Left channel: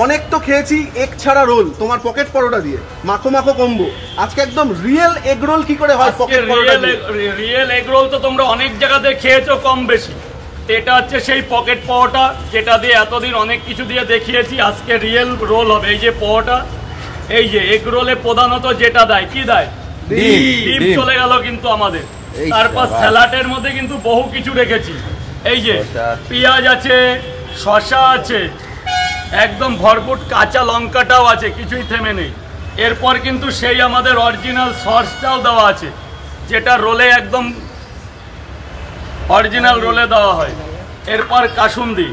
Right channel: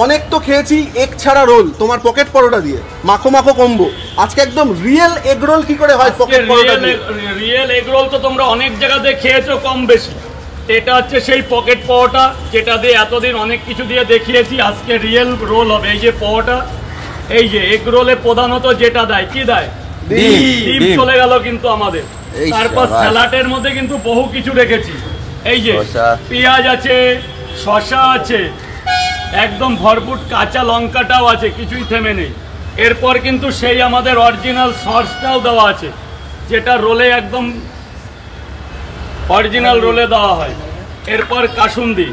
অনেক তো খেয়েছি এগ ছাড়া রোল, তোমার পকেট পরোটা দিয়ে মাখো মাখো কম্বো। আজকে একদম রিয়েল এগ রোল কি করে হয় পকেট পরোটা দিয়ে? রিয়েল এগ রোল তো তোমরা অনেক জায়গাতে খেয়েছো কম বেশি, এটা হচ্ছে সেই পকেট পরোটা যেটা দিয়ে এতদিন অনেক কিছু দিয়ে দেখিয়েছি। আজকে রিয়েল রোল হবে। এই যে পরোটা, এই যে এগ রোলে প্রধানত যেটা দেয়, কি দেয়? ডিম চলে গেল কিন্তু আমাদের। তারপর স্যালাডের মধ্যে কিন্তু বহু কিছু রেখেছি। এই যে পেঁয়াজ আছে, শসা আছে, একদম ভরপুর কাঁচা লঙ্কাটাও আছে, কিছুই থেমে নেই। এরপর কিন্তু সেই আমাদের অরিজিনাল সসটাও দেওয়া আছে, যেটা রোলে একদম অরিজিনাল রোলে দেওয়া হয়। এরপর কাসুন্দি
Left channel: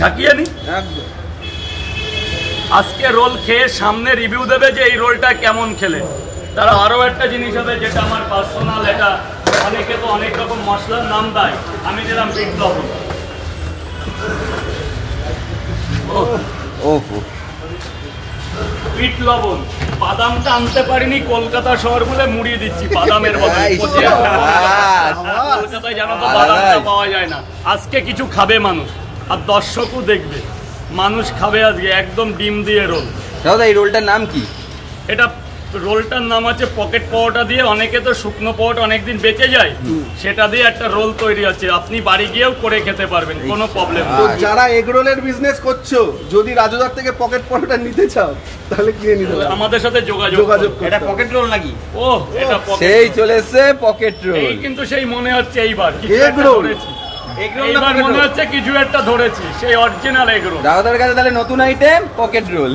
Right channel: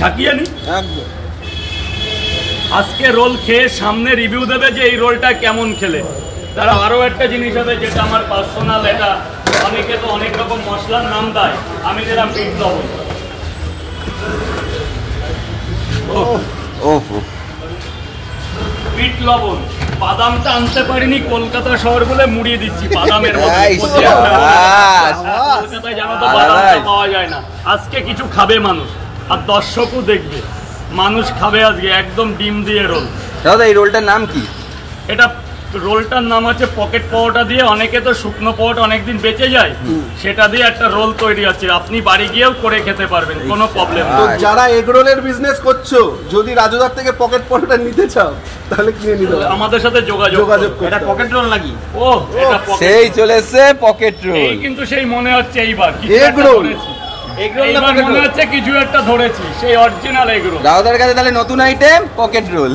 ঝাঁকিয়ে নি। আজকে রোল খেয়ে সামনে রিভিউ দেবে যে এই রোলটা কেমন খেলে। তারা আরো একটা জিনিস হবে যেটা আমার পার্সোনাল, এটা অনেকে তো অনেক রকম মশলার নাম দেয়, আমি দিলাম বিট লবণ। বিট লবণ, বাদামটা আনতে পারিনি, কলকাতা শহর বলে মুড়িয়ে দিচ্ছি বাদামের মধ্যে। কলকাতায় জানো তো বাদামটা পাওয়া যায় না। আজকে কিছু খাবে মানুষ, আর দর্শকও দেখবে, মানুষ খাবে আজকে একদম ডিম দিয়ে রোল। দাদা এই রোলটার নাম কি? এটা রোলটার নাম আছে পকেট পরোটা দিয়ে। অনেকে তো শুকনো পরোটা অনেকদিন বেঁচে যায়, সেটা দিয়ে একটা রোল তৈরি আছে। আপনি বাড়ি গিয়েও করে খেতে পারবেন, কোনো প্রবলেম নেই। যারা এগ রোলের বিজনেস করছো, যদি রাজুদার থেকে পকেট পরোটা নিতে চাও তাহলে কিনে নিতে হবে, আমাদের সাথে যোগাযোগ। এটা পকেট রোল নাকি? ও এটা সেই চলে এসেছে পকেট রোল। এই কিন্তু সেই মনে হচ্ছে এইবার এগ রোল, মনে হচ্ছে কিছু একটা ধরেছি, সেই অরিজিনাল এগ রোল। রাউদার কাছে তাহলে নতুন আইটেম পকেট রোল।